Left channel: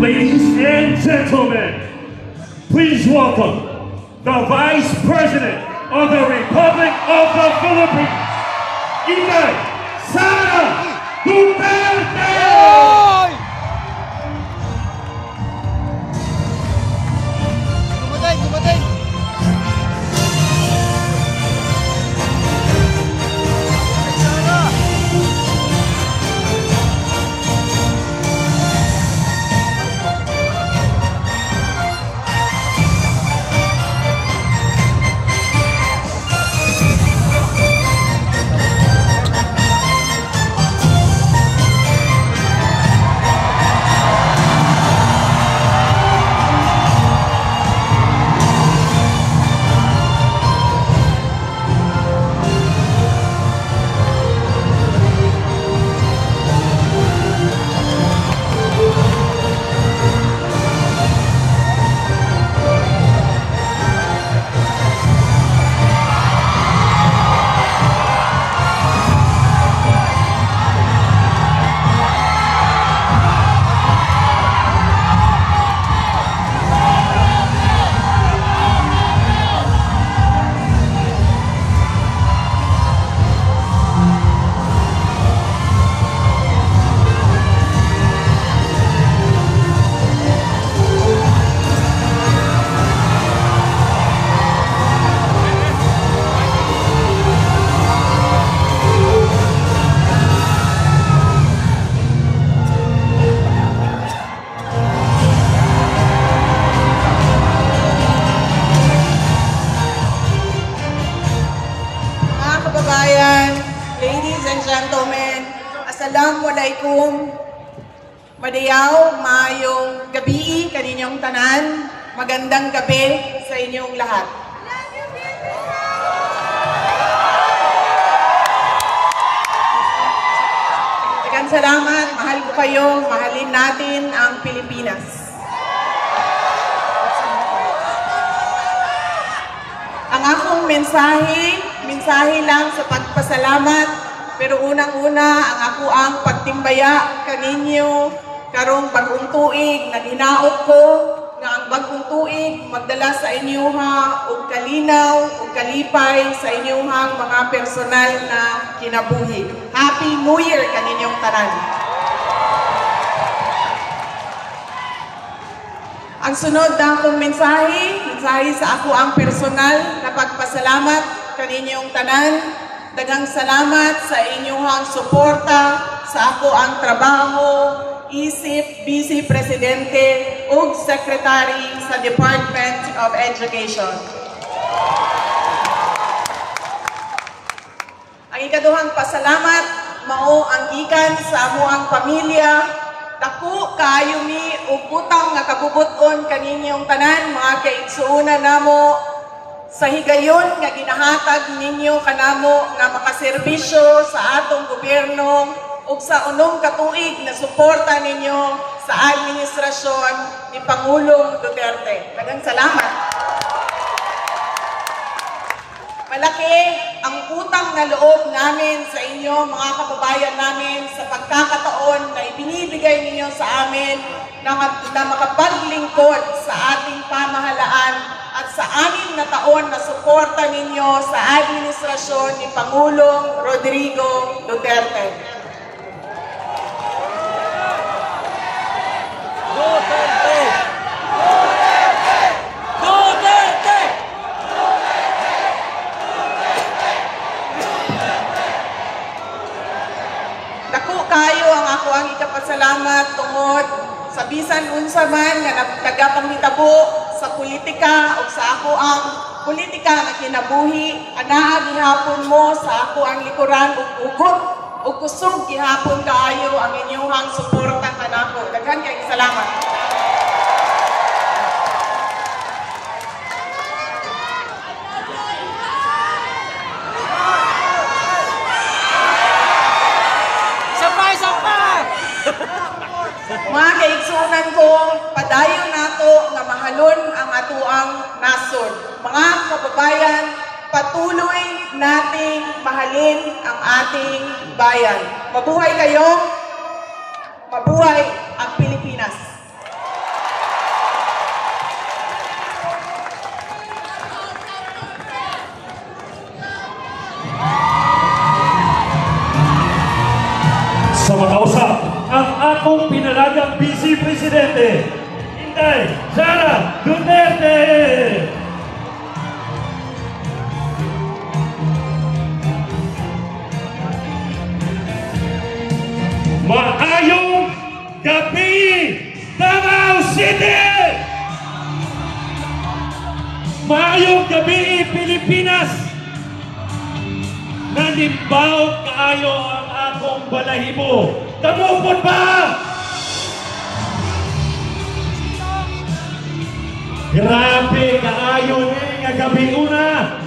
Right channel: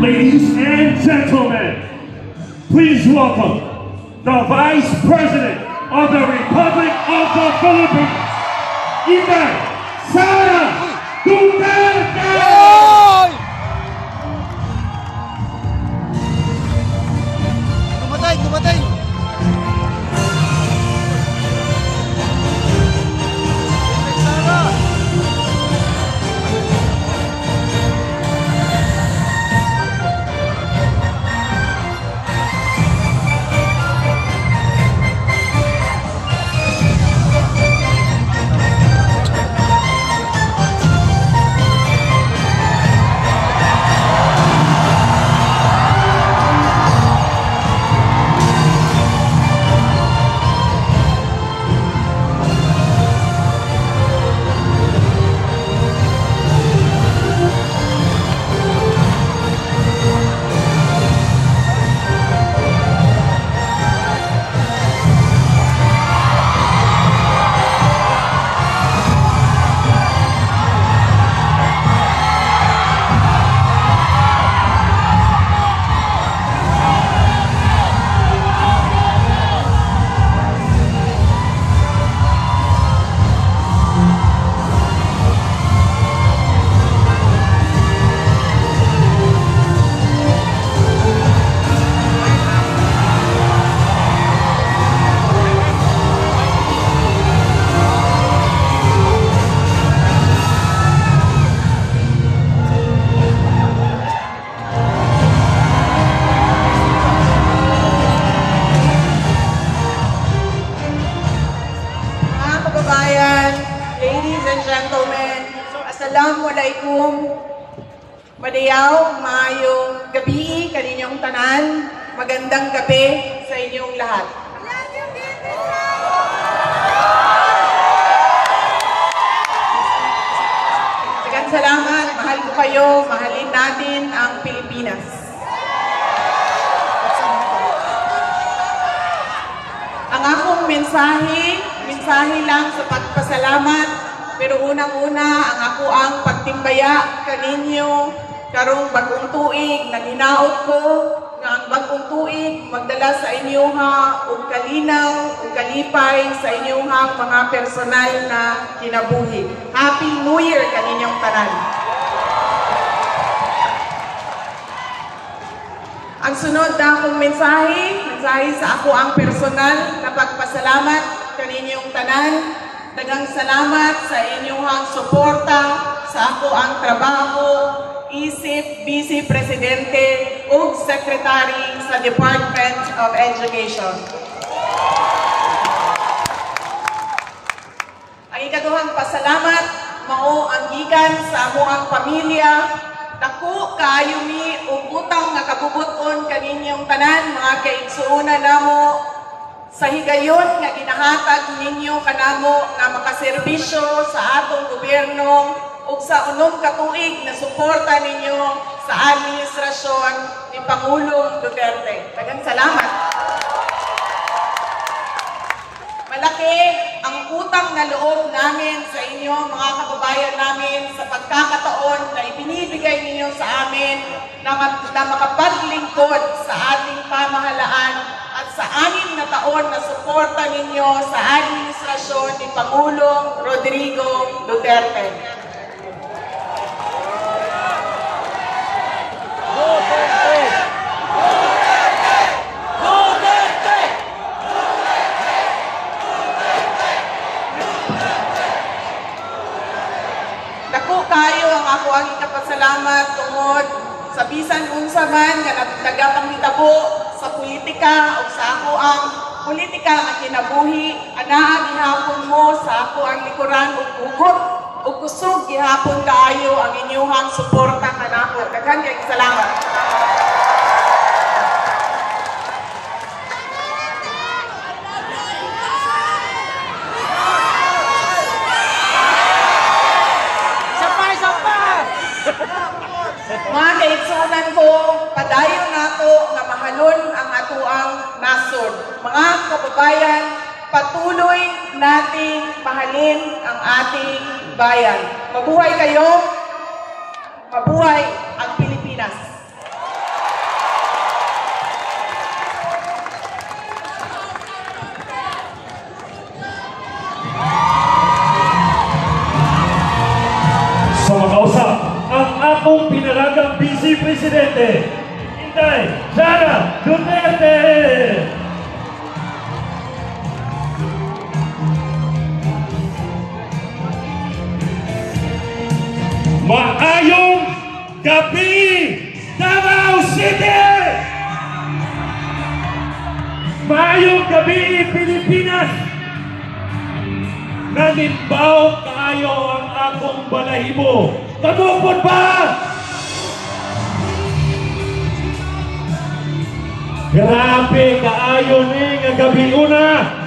Ladies and gentlemen, please welcome the Vice President of the Republic of the Philippines, Inday Sara Duterte! adlaw, maayong gabi kaninyong tanan. Magandang gabi sa inyong lahat. Daghang salamat, mahal ko kayo, mahalin natin ang Pilipinas. Ang akong mensahe lang sa pagpasalamat, pero unang-una ang ako ang pagtimbaya kaninyo karong bagong tuig na hinaot ko nga ang bagong tuig magdala sa inyoha og kalinaw ug kalipay sa inyohang mga personal na kinabuhi. Happy New Year kaninyong tanan. Ang sunod na akong mensahe sa ako ang personal na pagpasalamat kaninyong tanan. Daghang salamat sa inyong suporta sa ako ang trabaho, isip, Vice Presidente ug Secretary sa Department of Education. Ang ikaduhang pasalamat mao ang gikan sa amo ang pamilya. Dako kaayo mi ug utang nga kabubuton kaninyong tanan mga kaigsuonan namo sa higayon nga ginahatag ninyo kanamo nga makaserbisyo sa atong gobyerno ug sa unong katuig na suporta ninyo sa administrasyon ni Pangulong Duterte. Daghang salamat. Malaki ang utang na loob namin sa inyo mga kababayan namin sa pagkakataon na ibinibigay ninyo sa amin na makapaglingkod sa ating pamahalaan at sa 6 na taon na suporta ninyo sa administrasyon ni Pangulong Rodrigo Duterte. Dako kayo ang ako ang ikapasalamat tungod sa bisan unsa man nga nagkamhitabo sa politika o sa ako ang politika na kinabuhi, anaa gihapon mo sa ako ang likuran ug ugot ug kusog gihapon kaayo ang inyong suporta kanako. Daghan kay salamat. Mga kaigsunan ko, padayon nato nga mahalon ang atuang nasod. Mga kababayan, patuloy nating mahalin ang ating bayan. Mabuhay kayo, mabuhay ang Pilipinas. Sa makausap, ang akong pinalagang Vice Presidente, Inday Sara Duterte! Maayong gabi, Davao City! Maayong gabi, Pilipinas! Nanimbaw kaayo ang akong balahibo. Kamupon ba? Grabe kaayo ni nga gabi una.